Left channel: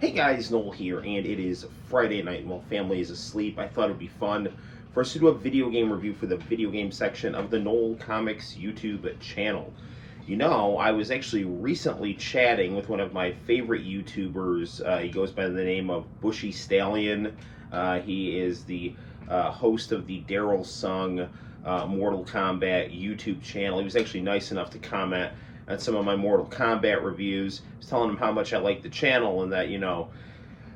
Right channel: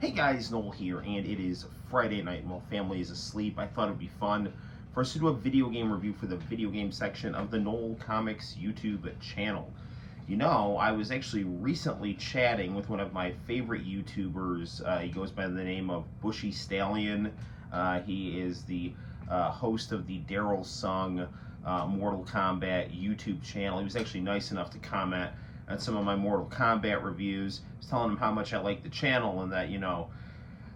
Hey guys, Noel here, and it is Friday night while family is asleep. I thought it would be fun for us to do a video game review for the video game section of the Noel Comics YouTube channel. You know, I was actually recently chatting with one of my favorite YouTubers. He goes by the name of Bushy Stallion. He is the host of the Daryl Sung Mortal Kombat YouTube channel. He was actually nice enough to comment on some of my Mortal Kombat reviews. I was telling him how much I liked the channel and that,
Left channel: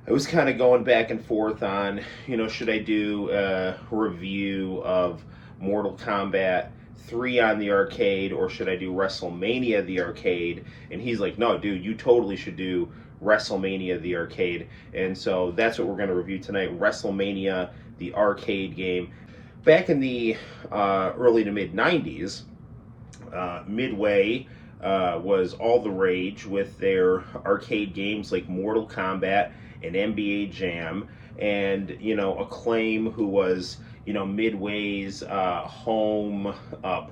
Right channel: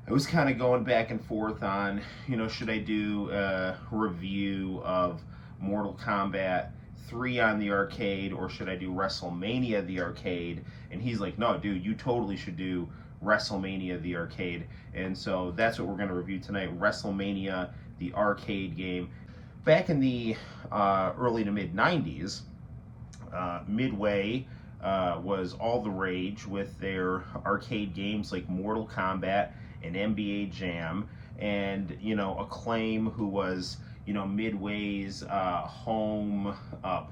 I was kind of going back and forth on, should I do a review of Mortal Kombat 3 on the arcade or should I do WrestleMania the arcade? And he's like, no, dude, you totally should do WrestleMania the arcade. And so that's what we're going to review tonight, WrestleMania the arcade game. Back in the early to mid 90s, Midway was all the rage with their arcade games like Mortal Kombat and NBA Jam, and Acclaim, who was Midway's home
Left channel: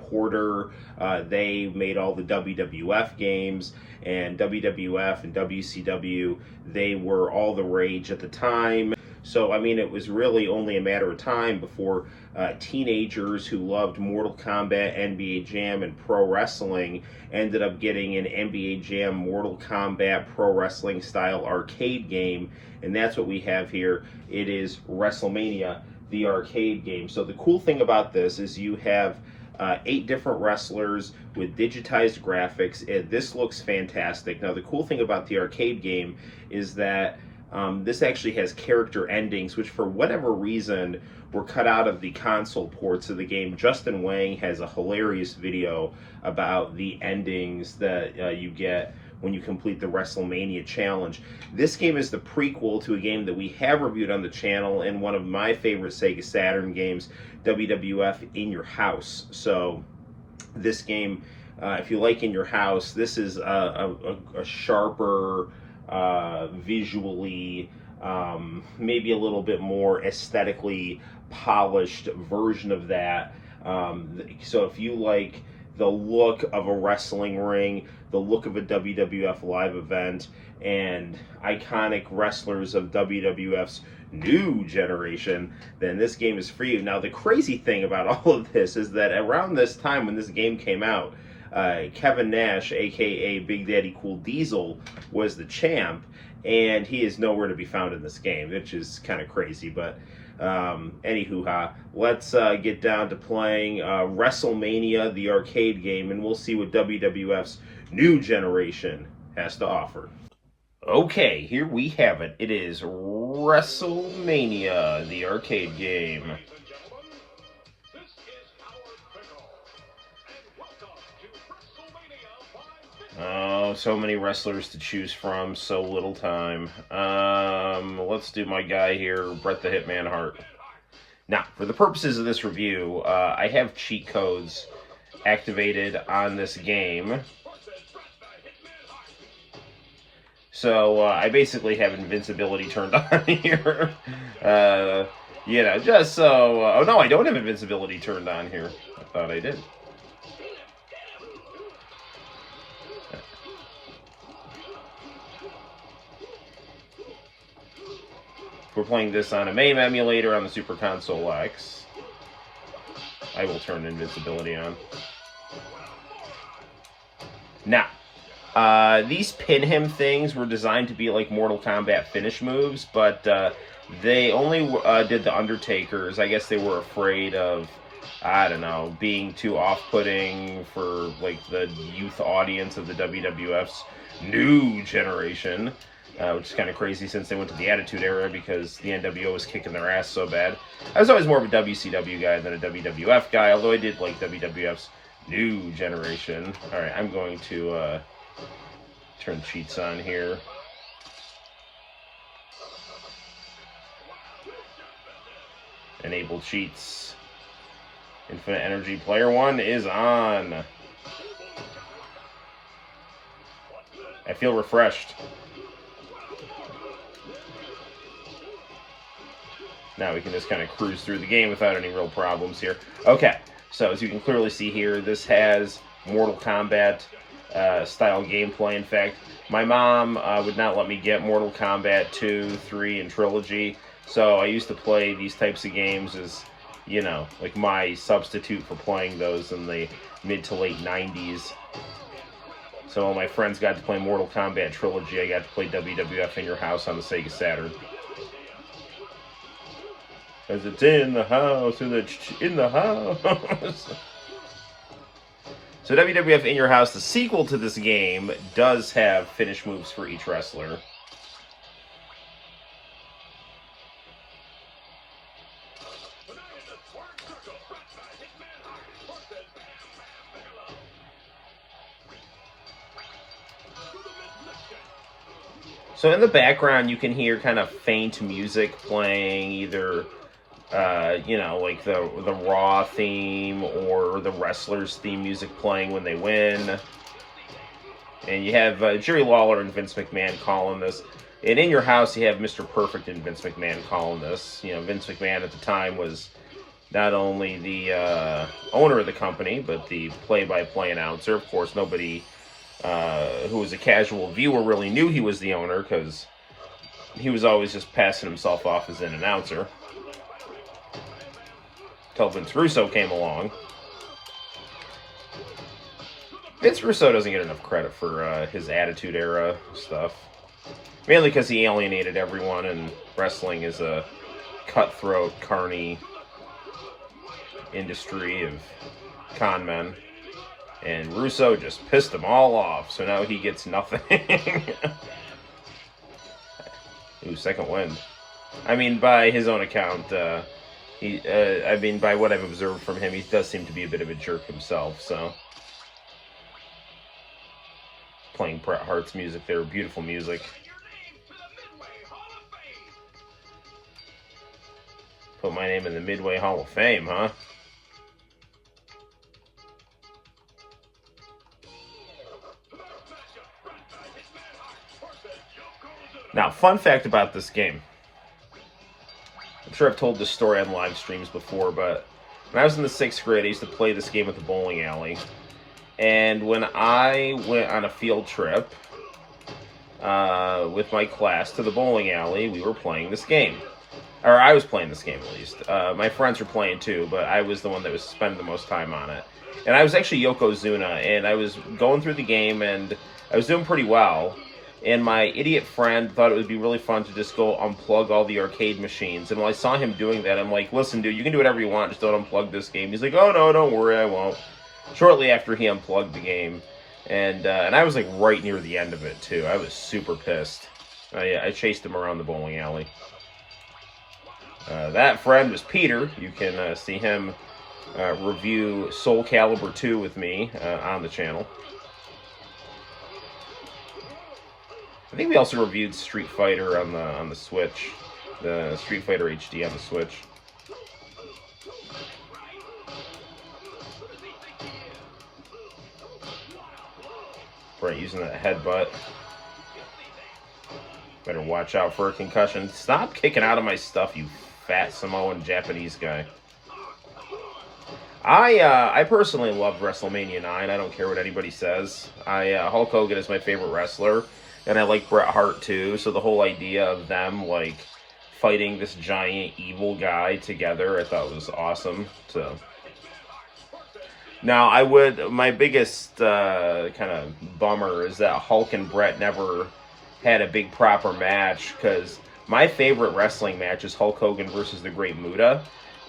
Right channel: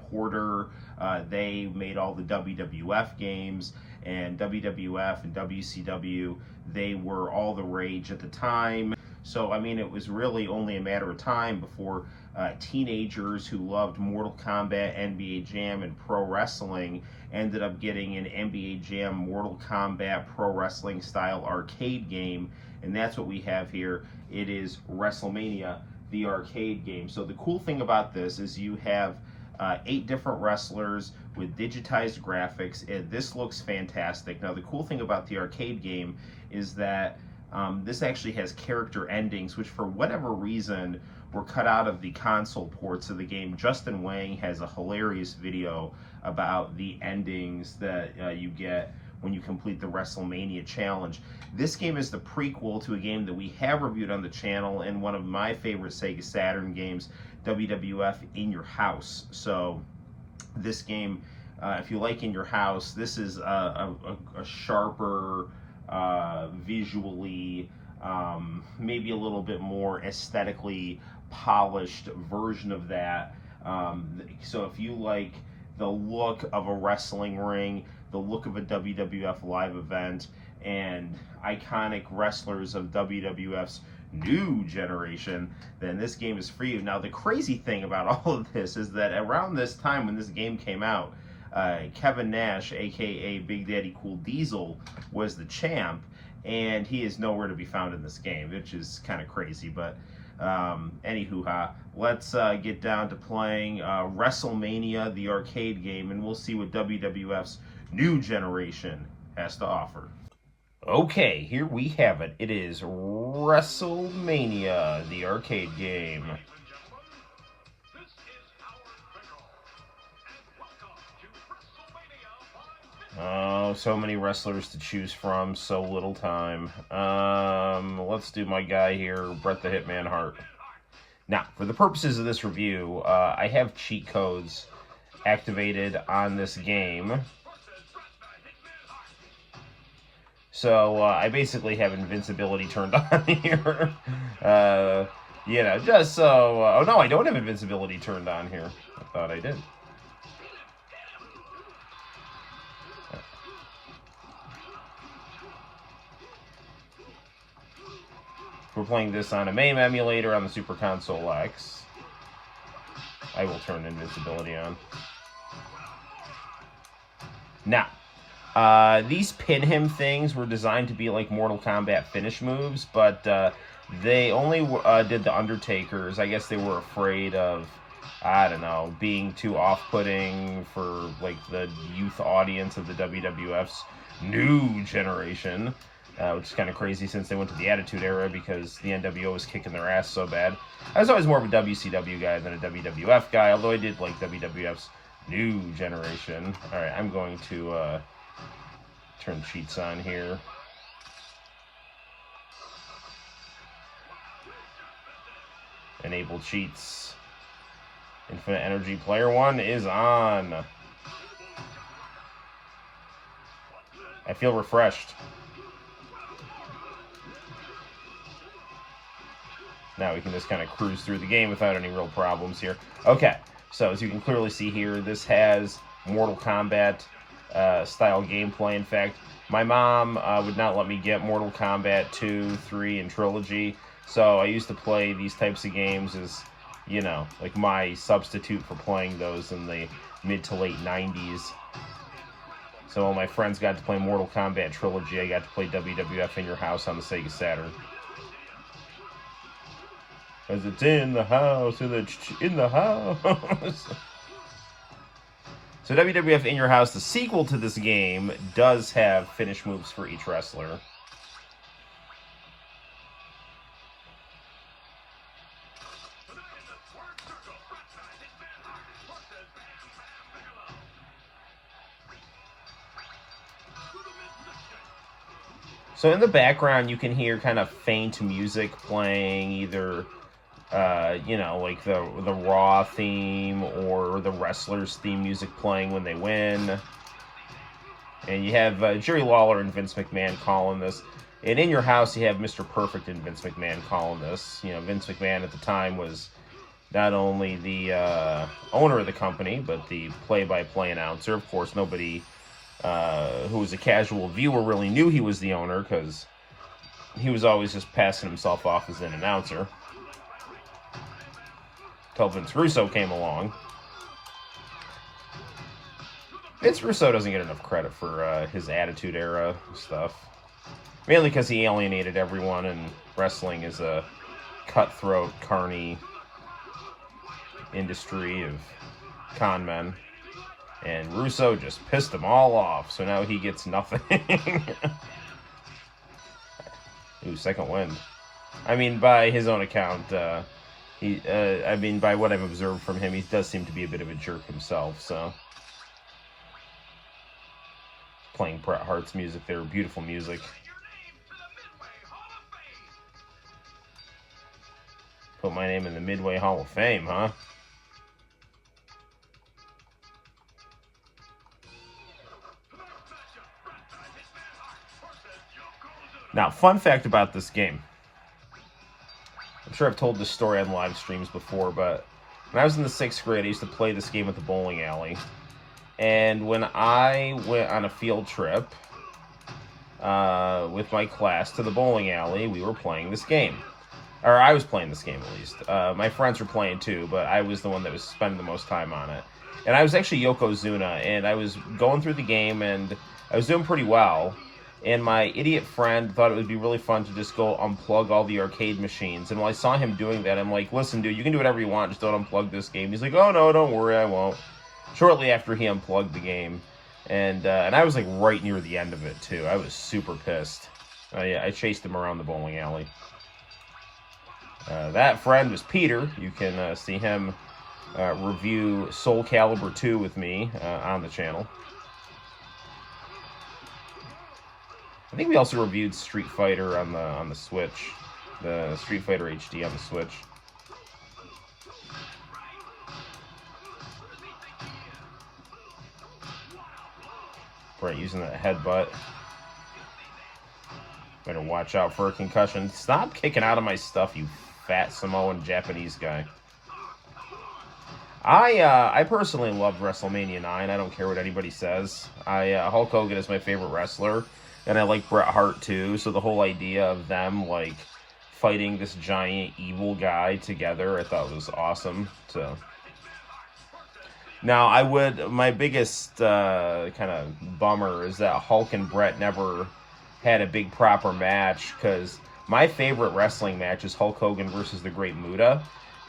porter. They made all the WWF games, and WWF and WCW, they were all the rage at the time. So I mean, it was really only a matter of time before teenagers who loved Mortal Kombat, NBA Jam, and pro wrestling ended up getting an NBA Jam Mortal Kombat pro wrestling style arcade game, and that's what we have here. It is WrestleMania, the arcade game. So the cool thing about this is you have 8 different wrestlers with digitized graphics. This looks fantastic. Now the cool thing about the arcade game is that this actually has character endings, which for whatever reason were cut out of the console ports of the game. Justin Wang has a hilarious video about the endings that you get when you complete the WrestleMania challenge. This game is the prequel to a game that we have reviewed on the channel and one of my favorite Sega Saturn games, WWF In Your House. So this game, if you like In Your House, this is a sharper, visually, maybe a little bit more aesthetically polished version of that. So if you like the look of a wrestling ring, the look of a WWF live event, and iconic wrestlers of WWF's new generation, then this game is for you. Now the crazy thing about all of this is that around this time when this game came out, Kevin Nash, aka Big Daddy Cool Diesel, was the champ, and he is nowhere to be found in this game, which is kind of crazy. But anywho, let's get down to playing WrestleMania, the arcade game, and we'll see what WWF's new generation has to offer. Okay, here we have it. It is WrestleMania, the arcade game. Oh, so many wrestlers to choose from, so little time. Let's do my guy here, Bret the Hitman Hart. Now, for the purposes of this review, I have cheat codes activated on this game. So, I basically have invincibility turned on here. Just so... oh, no, I don't have invincibility turned on here. I thought I did. We're playing this on a MAME emulator on the Super Console X. I will turn invincibility on. Now, these pin him things were designed to be like Mortal Kombat finish moves, but they only did the Undertakers. I guess they were afraid of, I don't know, being too off-putting for like the youth audience of the WWF's new generation. Which is kind of crazy since they went to the Attitude Era because the NWO was kicking their ass so bad. I was always more of a WCW guy than a WWF guy, although I did like WWF's new generation. Alright, I'm going to turn cheats on here. Enable cheats. Infinite Energy Player 1 is on. I feel refreshed. Now we can just kind of cruise through the game without any real problems here. Okay, so as you can clearly see here, this has Mortal Kombat style gameplay. In fact, my mom would not let me get Mortal Kombat 2, 3, and Trilogy, so I used to play these types of games as, you know, like my substitute for playing those in the mid to late 90s. So while my friends got to play Mortal Kombat Trilogy, I got to play WWF in Your House on the Sega Saturn. As it's in the house, in the house. So WWF In Your House, the sequel to this game, does have finish moves for each wrestler. So in the background, you can hear kind of faint music playing, either, you know, like the Raw theme or the wrestlers' theme music playing when they win. And you have Jerry Lawler and Vince McMahon calling this. And In Your House, you have Mr. Perfect and Vince McMahon calling this. You know, Vince McMahon at the time was not only the owner of the company, but the play-by-play announcer. Of course, nobody who was a casual viewer really knew he was the owner, because he was always just passing himself off as an announcer. Until Vince Russo came along. Vince Russo doesn't get enough credit for his Attitude Era stuff. Mainly because he alienated everyone, and wrestling is a cutthroat, carny industry of con men. And Russo just pissed them all off, so now he gets nothing. Ooh, second win. I mean, by his own account, I mean, by what I've observed from him, he does seem to be a bit of a jerk himself, so. Playing Bret Hart's music there, beautiful music. Put my name in the Midway Hall of Fame, huh? Now, fun fact about this game. I'm sure I've told this story on live streams before, but when I was in the 6th grade, I used to play this game at the bowling alley. And when I went on a field trip with my class to the bowling alley, we were playing this game. Or I was playing this game, at least. My friends were playing too, but I was the one that was spending the most time on it. And I was actually Yokozuna, and I was going through the game, and I was doing pretty well. And my idiot friend thought it would be really fun to just go unplug all the arcade machines. And when I saw him doing that, I'm like, listen, dude, you can do whatever you want, just don't unplug this game. He's like, oh, no, don't worry, I won't. Shortly after he unplugged the game. And I was like right near the end of it, too. I was super pissed. I chased him around the bowling alley. That friend was Peter. You can see him review Soul Calibur 2 with me on the channel. I think we also reviewed Street Fighter on the Switch, the Street Fighter HD on the Switch. Right, using that headbutt. Better watch out for a concussion. Stop kicking out of my stuff, you fat Samoan Japanese guy. I personally love WrestleMania 9. I don't care what anybody says. Hulk Hogan is my favorite wrestler. And I like Bret Hart too, so the whole idea of them, like, fighting this giant evil guy together, I thought was awesome. So, now, my biggest kind of bummer is that Hulk and Bret never had a big proper match, because my favorite wrestling match is Hulk Hogan versus the Great Muta.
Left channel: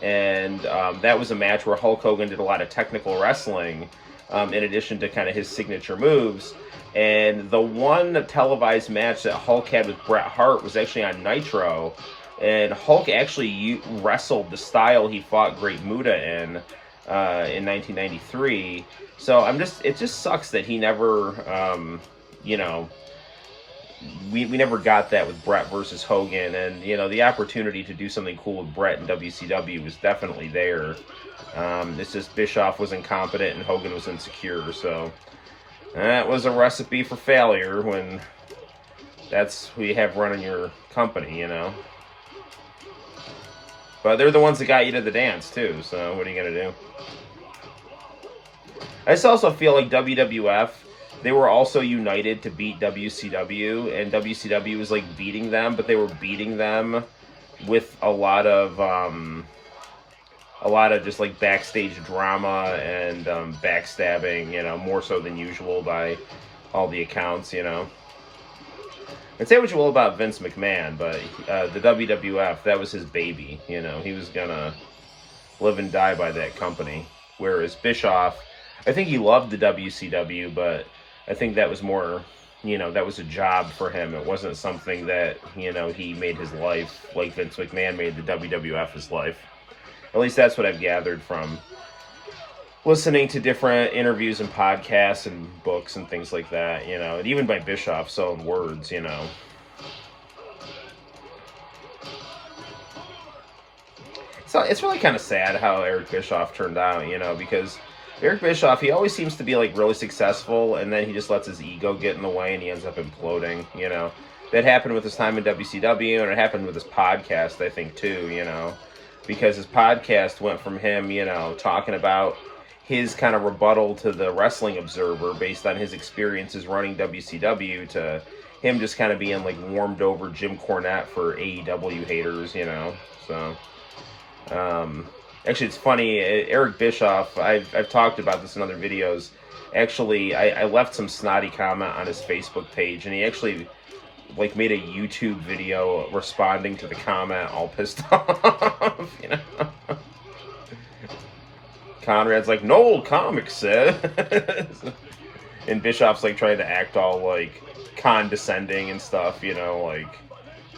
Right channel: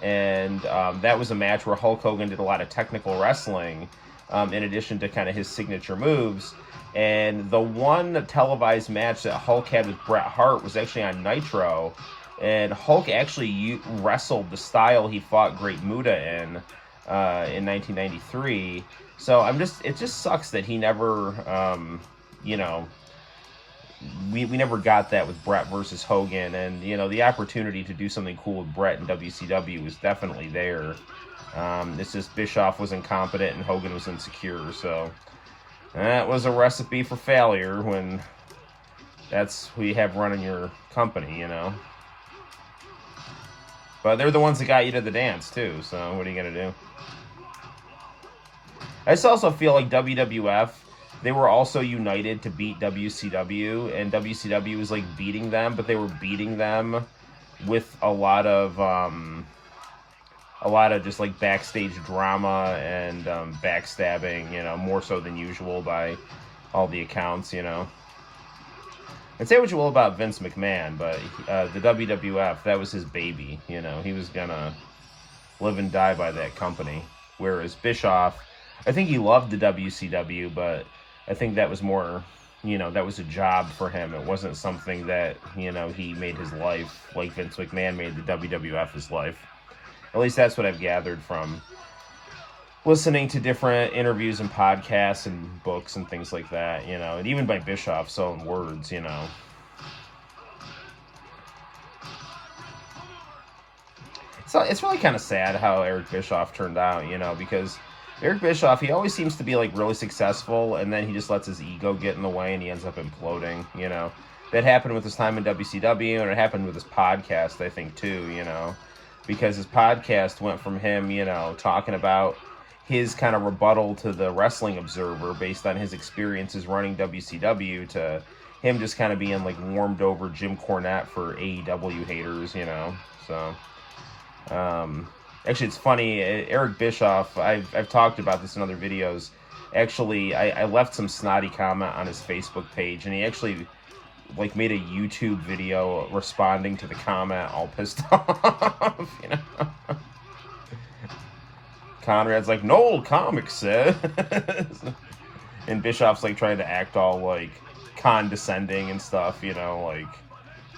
And that was a match where Hulk Hogan did a lot of technical wrestling, in addition to kind of his signature moves. And the one televised match that Hulk had with Bret Hart was actually on Nitro. And Hulk actually wrestled the style he fought Great Muta in 1993. So it just sucks that he never, you know, we never got that with Bret versus Hogan. And, you know, the opportunity to do something cool with Bret in WCW was definitely there. It's just Bischoff was incompetent and Hogan was insecure, so that was a recipe for failure when that's who you have running your company, you know. But they're the ones that got you to the dance, too, so what are you going to do? I just also feel like WWF they were also united to beat WCW, and WCW was like beating them, but they were beating them with a lot of just like backstage drama and backstabbing, you know, more so than usual by all the accounts, you know. And say what you will about Vince McMahon, but the WWF, that was his baby, you know. He was gonna live and die by that company. Whereas Bischoff, I think he loved the WCW, but I think that was more, you know, that was a job for him. It wasn't something that, you know, he made his life like Vince McMahon made the WWF his life. At least that's what I've gathered from listening to different interviews and podcasts and books and things like that, you know, and even by Bischoff's own words, you know. So it's really kind of sad how Eric Bischoff turned out, you know, because Eric Bischoff, he always seems to be like really successful, and then he just lets his ego get in the way and he ends up imploding, you know. That happened with his time in WCW, and it happened with his podcast, I think, too, you know, because his podcast went from him, you know, talking about his kind of rebuttal to the Wrestling Observer based on his experiences running WCW to him just kind of being like warmed over Jim Cornette for AEW haters, you know. So actually it's funny, Eric Bischoff, I've talked about this in other videos. Actually, I left some snotty comment on his Facebook page, and he actually like made a YouTube video responding to the comment, all pissed off, you know. Conrad's like, no old comic says. And Bischoff's like trying to act all like condescending and stuff, you know,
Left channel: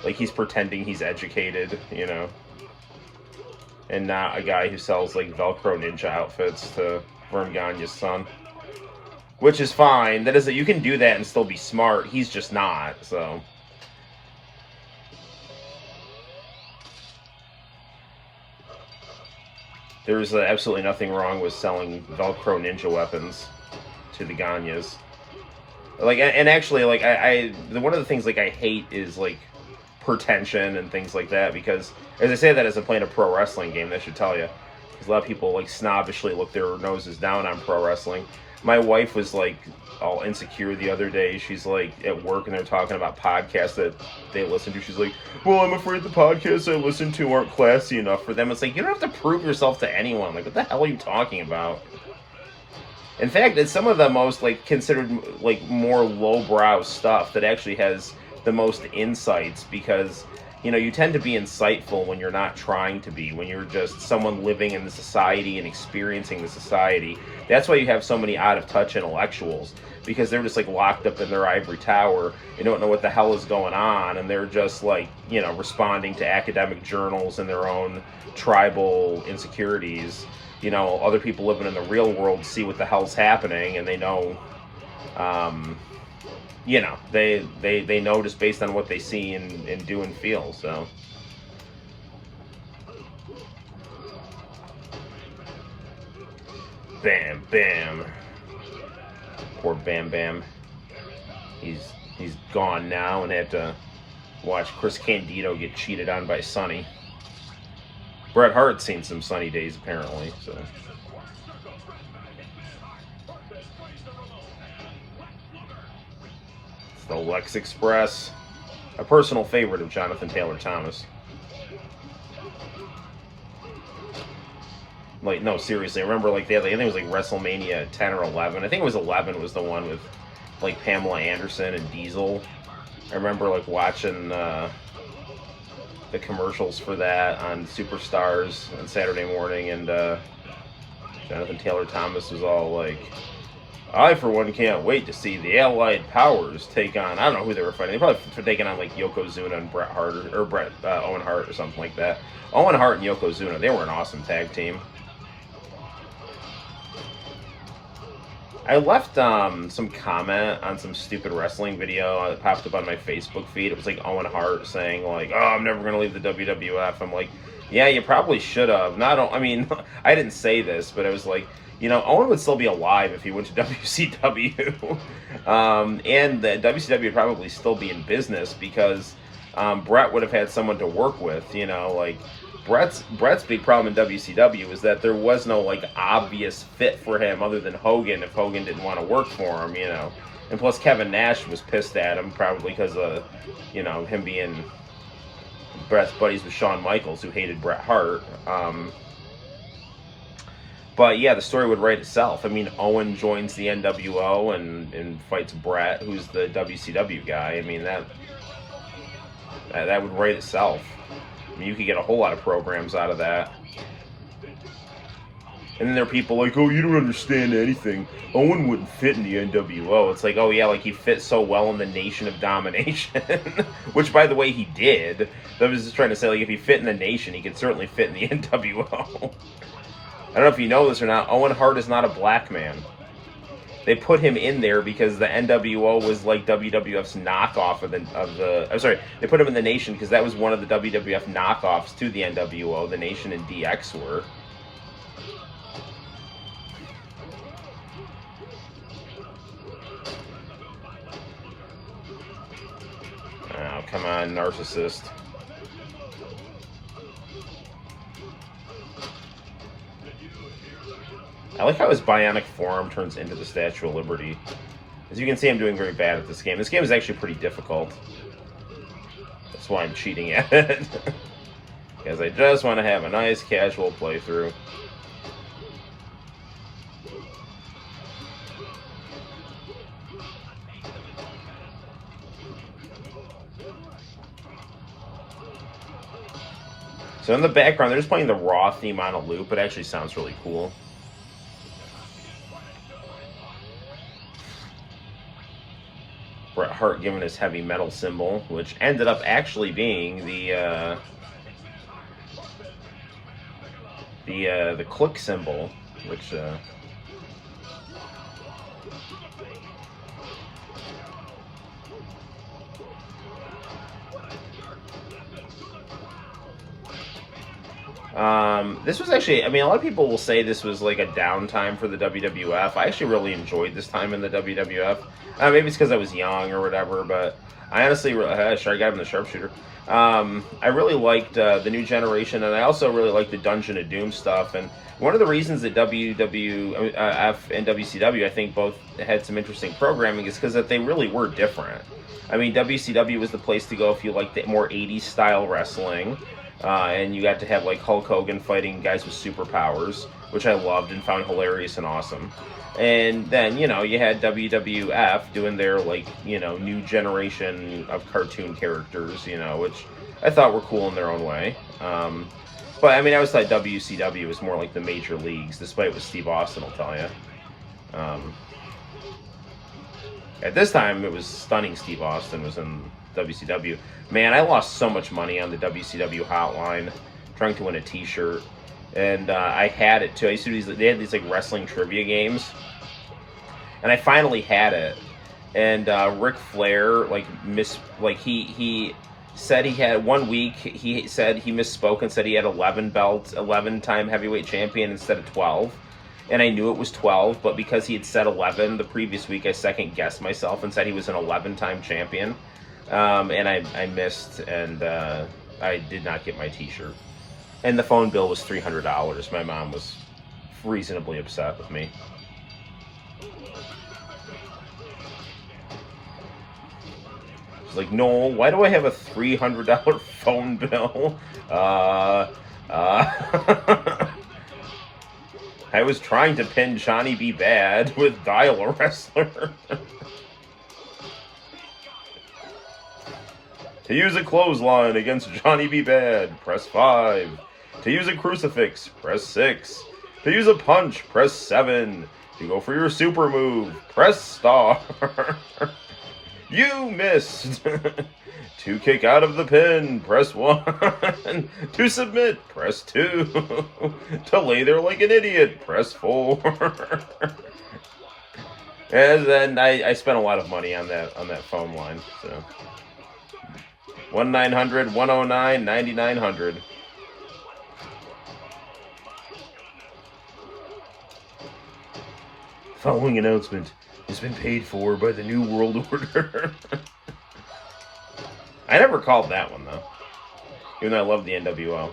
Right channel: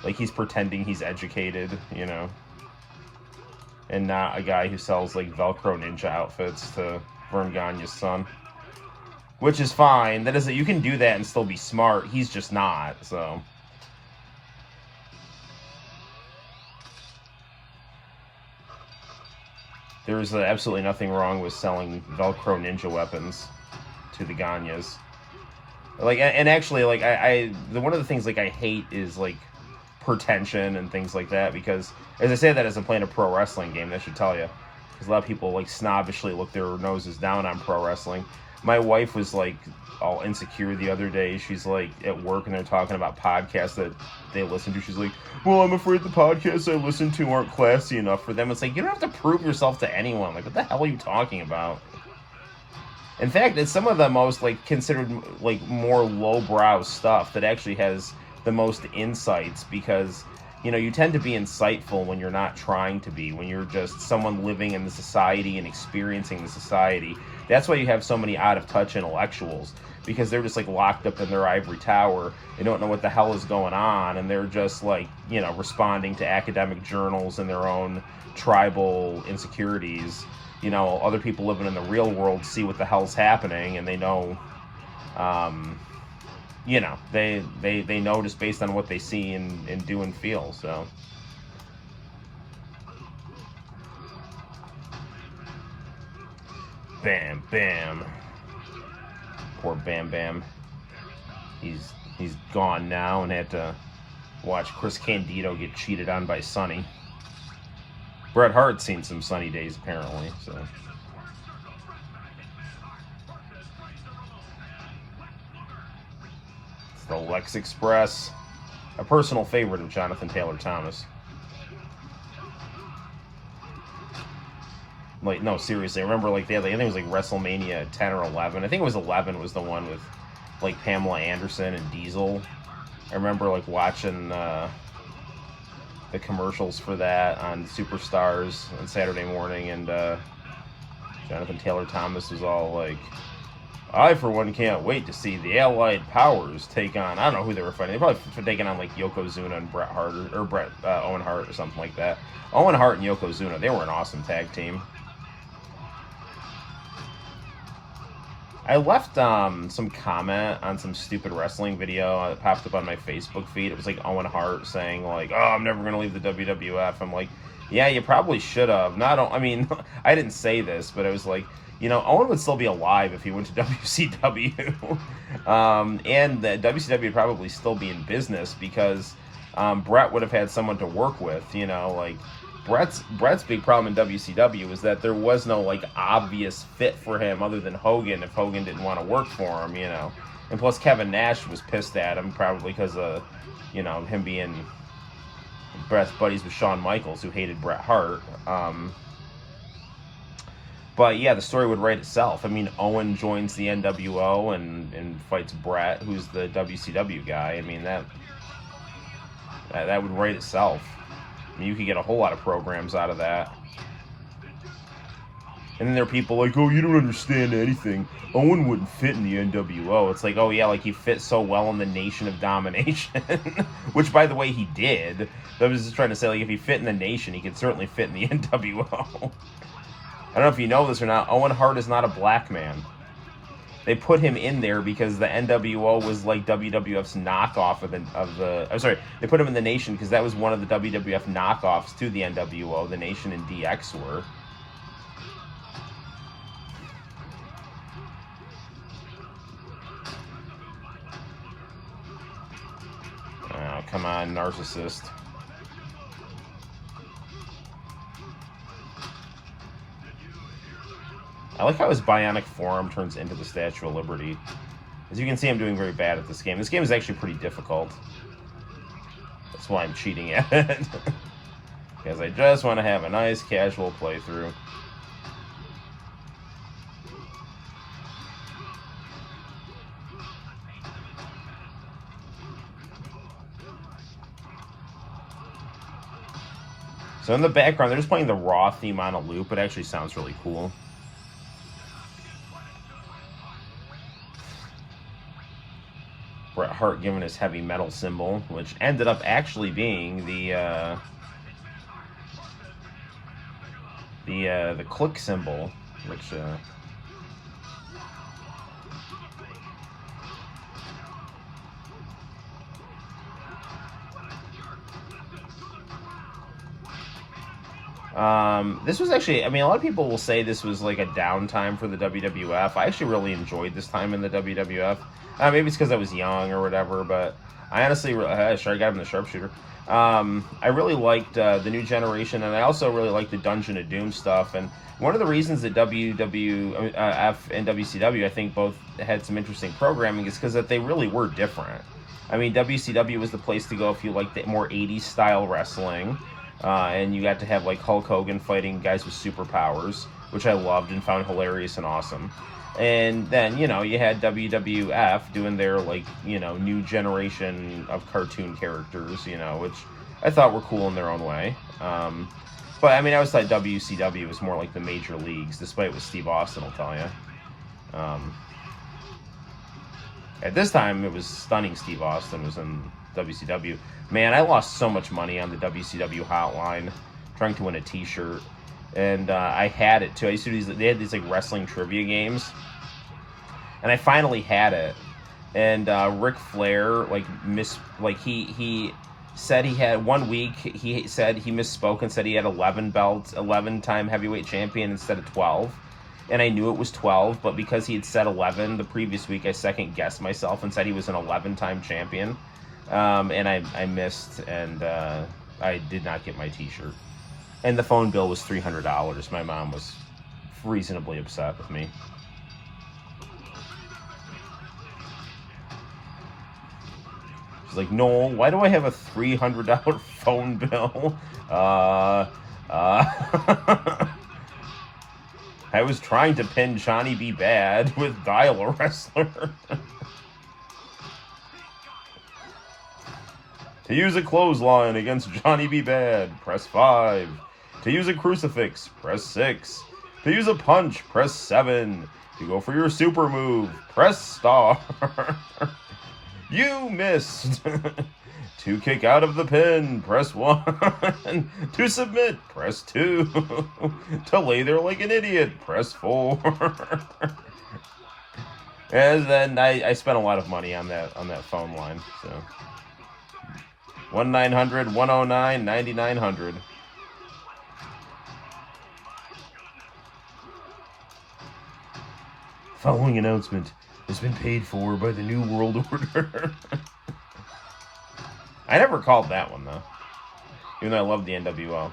like he's pretending he's educated, you know, and not a guy who sells like Velcro ninja outfits to Vern Gagne's son. Which is fine. That is that you can do that and still be smart. He's just not, so. There's absolutely nothing wrong with selling Velcro ninja weapons to the Gagnes. Like, and actually, like, one of the things, like, I hate is, like, pretension and things like that, because, as I say that as I'm playing a pro wrestling game, that should tell you. Because a lot of people, like, snobbishly look their noses down on pro wrestling. My wife was, like, all insecure the other day. She's, like, at work, and they're talking about podcasts that they listen to. She's like, well, I'm afraid the podcasts I listen to aren't classy enough for them. It's like, you don't have to prove yourself to anyone. Like, what the hell are you talking about? In fact, it's some of the most, like, considered, like, more lowbrow stuff that actually has the most insights, because, you know, you tend to be insightful when you're not trying to be, when you're just someone living in the society and experiencing the society. That's why you have so many out-of-touch intellectuals, because they're just, like, locked up in their ivory tower. They don't know what the hell is going on, and they're just, like, you know, responding to academic journals and their own tribal insecurities. You know, other people living in the real world see what the hell's happening, and they know, you know, they know just based on what they see and do and feel, so. Bam Bam. Poor Bam Bam. He's gone now and had to watch Chris Candido get cheated on by Sonny. Bret Hart's seen some sunny days apparently, so. It's the Lex Express, a personal favorite of Jonathan Taylor Thomas. Like, no, seriously, I remember, like, I think it was, like, WrestleMania 10 or 11. I think it was 11 was the one with, like, Pamela Anderson and Diesel. I remember, like, watching the commercials for that on Superstars on Saturday morning, and Jonathan Taylor Thomas was all like, I, for one, can't wait to see the Allied Powers take on, I don't know who they were fighting. They probably taking on, like, Yokozuna and Bret Hart, or Owen Hart or something like that. Owen Hart and Yokozuna, they were an awesome tag team. I left some comment on some stupid wrestling video that popped up on my Facebook feed. It was like Owen Hart saying, like, oh, I'm never going to leave the WWF. I'm like, yeah, you probably should have. I mean, I didn't say this, but it was like, you know, Owen would still be alive if he went to WCW. And the WCW would probably still be in business, because Bret would have had someone to work with, you know, like, Bret's big problem in WCW is that there was no, like, obvious fit for him other than Hogan if Hogan didn't want to work for him, you know. And plus, Kevin Nash was pissed at him, probably because of, you know, him being best buddies with Shawn Michaels, who hated Bret Hart. But yeah, the story would write itself. I mean, Owen joins the NWO and fights Bret, who's the WCW guy. I mean, that would write itself. I mean, you could get a whole lot of programs out of that. And then there are people like, oh, you don't understand anything. Owen wouldn't fit in the NWO. It's like, oh yeah, like he fit so well in the Nation of Domination. Which, by the way, he did. I was just trying to say, like, if he fit in the Nation, he could certainly fit in the NWO. I don't know if you know this or not, Owen Hart is not a black man. They put him in there because the NWO was like WWF's knockoff of the I'm sorry, they put him in the Nation because that was one of the WWF knockoffs to the NWO. The Nation and DX were. Oh, come on, narcissist. I like how his bionic forearm turns into the Statue of Liberty. As you can see, I'm doing very bad at this game. This game is actually pretty difficult. That's why I'm cheating at it. Because I just want to have a nice casual playthrough. So in the background, they're just playing the Raw theme on a loop. It actually sounds really cool. Bret Hart giving his heavy metal symbol, which ended up actually being the click symbol, which this was actually, I mean, a lot of people will say this was like a downtime for the WWF. I actually really enjoyed this time in the WWF. Maybe it's because I was young or whatever, but I honestly, sure, I got him the sharpshooter. I really liked the New Generation, and I also really liked the Dungeon of Doom stuff. And one of the reasons that WWF and WCW, I think, both had some interesting programming is because that they really were different. I mean, WCW was the place to go if you liked the more 80s style wrestling. And you got to have like Hulk Hogan fighting guys with superpowers, which I loved and found hilarious and awesome. And then, you know, you had WWF doing their, like, you know, new generation of cartoon characters, you know, which I thought were cool in their own way. But, I mean, I always thought WCW was more like the major leagues, despite what Steve Austin will tell you. At this time, it was stunning Steve Austin was in WCW. Man, I lost so much money on the WCW hotline trying to win a t-shirt. And I had it too. I used to do these, they had these like wrestling trivia games. And I finally had it. And Ric Flair, he said he had 1 week, he said he misspoke and said he had 11 belts, 11-time heavyweight champion instead of 12. And I knew it was 12, but because he had said 11 the previous week, I second-guessed myself and said he was an 11-time champion. And I missed, and I did not get my t-shirt. And the phone bill was $300. My mom was reasonably upset with me. She's like, no, why do I have a $300 phone bill? I was trying to pin Johnny B. Bad with Dial-A-Wrestler. To use a clothesline against Johnny B. Bad, press 5. To use a crucifix, press 6. To use a punch, press 7. To go for your super move, press star. You missed. To kick out of the pin, press 1. To submit, press 2. To lay there like an idiot, press 4. And then I spent a lot of money on that phone line, so 1-900-109-9900. Following announcement has been paid for by the New World Order. I never called that one, though. Even though I love the NWO.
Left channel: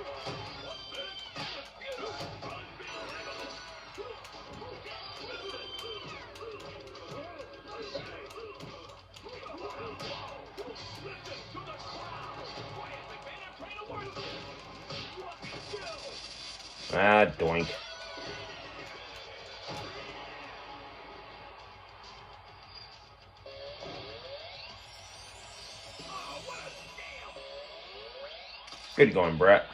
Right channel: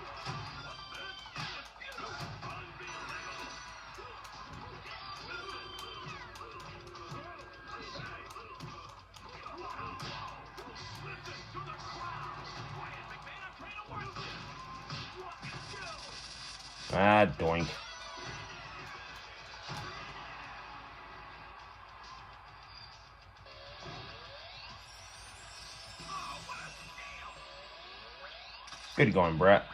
Ah, doink. Good going, Brett.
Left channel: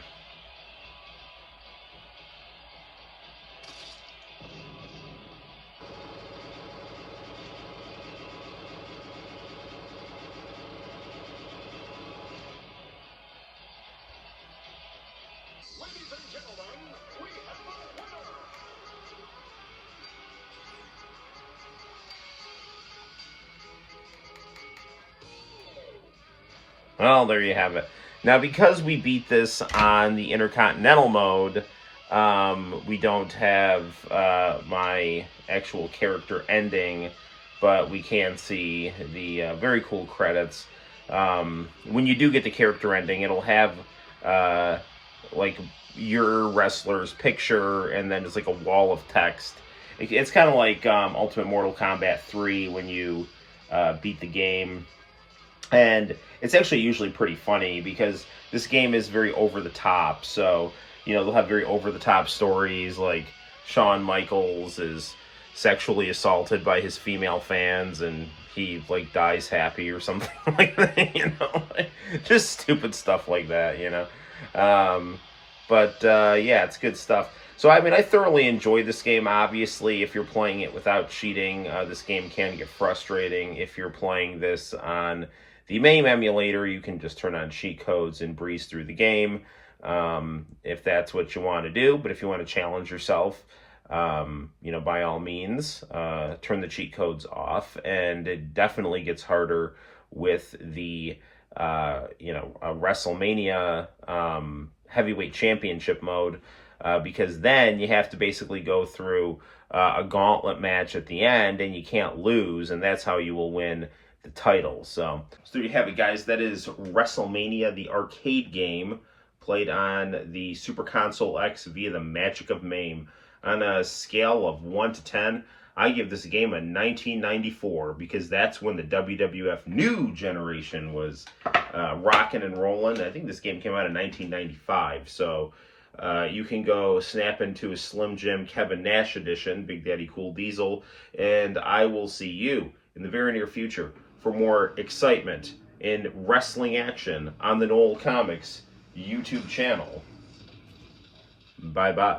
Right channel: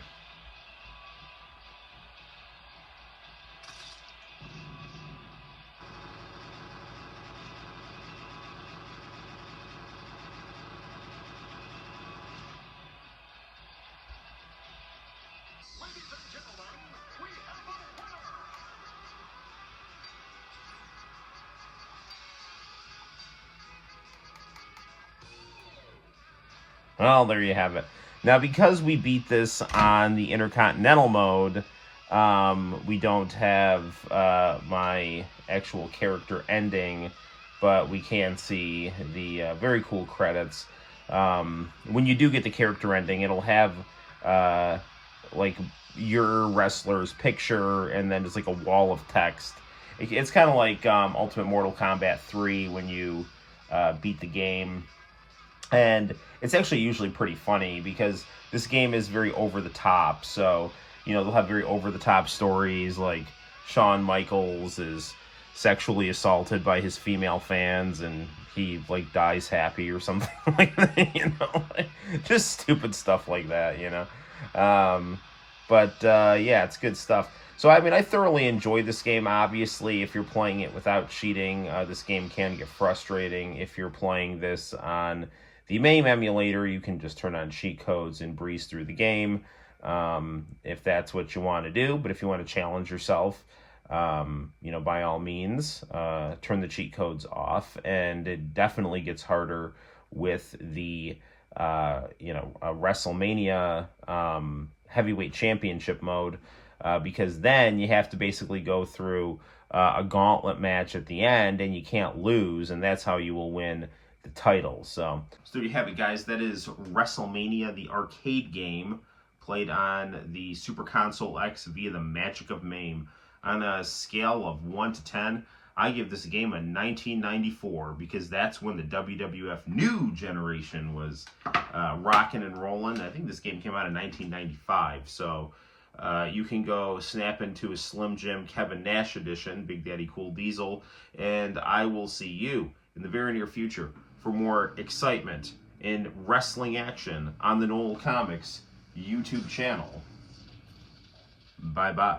Well, there you have it. Now, because we beat this on the Intercontinental mode, we don't have my actual character ending, but we can see the very cool credits. When you do get the character ending, it'll have like your wrestler's picture, and then it's like a wall of text. It's kind of like Ultimate Mortal Kombat 3 when you beat the game. And it's actually usually pretty funny because this game is very over the top. So, you know, they'll have very over the top stories like Shawn Michaels is sexually assaulted by his female fans and he like dies happy or something like that, you know, just stupid stuff like that, you know. Yeah, it's good stuff. So, I mean, I thoroughly enjoyed this game. Obviously, if you're playing it without cheating, this game can get frustrating. If you're playing this on the MAME emulator, you can just turn on cheat codes and breeze through the game, if that's what you want to do. But if you want to challenge yourself, you know, by all means, turn the cheat codes off. And it definitely gets harder with the, you know, WrestleMania heavyweight championship mode, because then you have to basically go through a gauntlet match at the end, and you can't lose, and that's how you will win the title. So there you have it, guys. That is WrestleMania, the arcade game, played on the Super Console X via the magic of MAME. On a scale of 1 to 10, I give this game a 1994 because that's when the WWF new generation was rocking and rolling. I think this game came out in 1995, so you can go snap into a Slim Jim Kevin Nash edition, Big Daddy Cool Diesel, and I will see you in the very near future for more excitement in wrestling action on the Noel Comics YouTube channel. Bye-bye.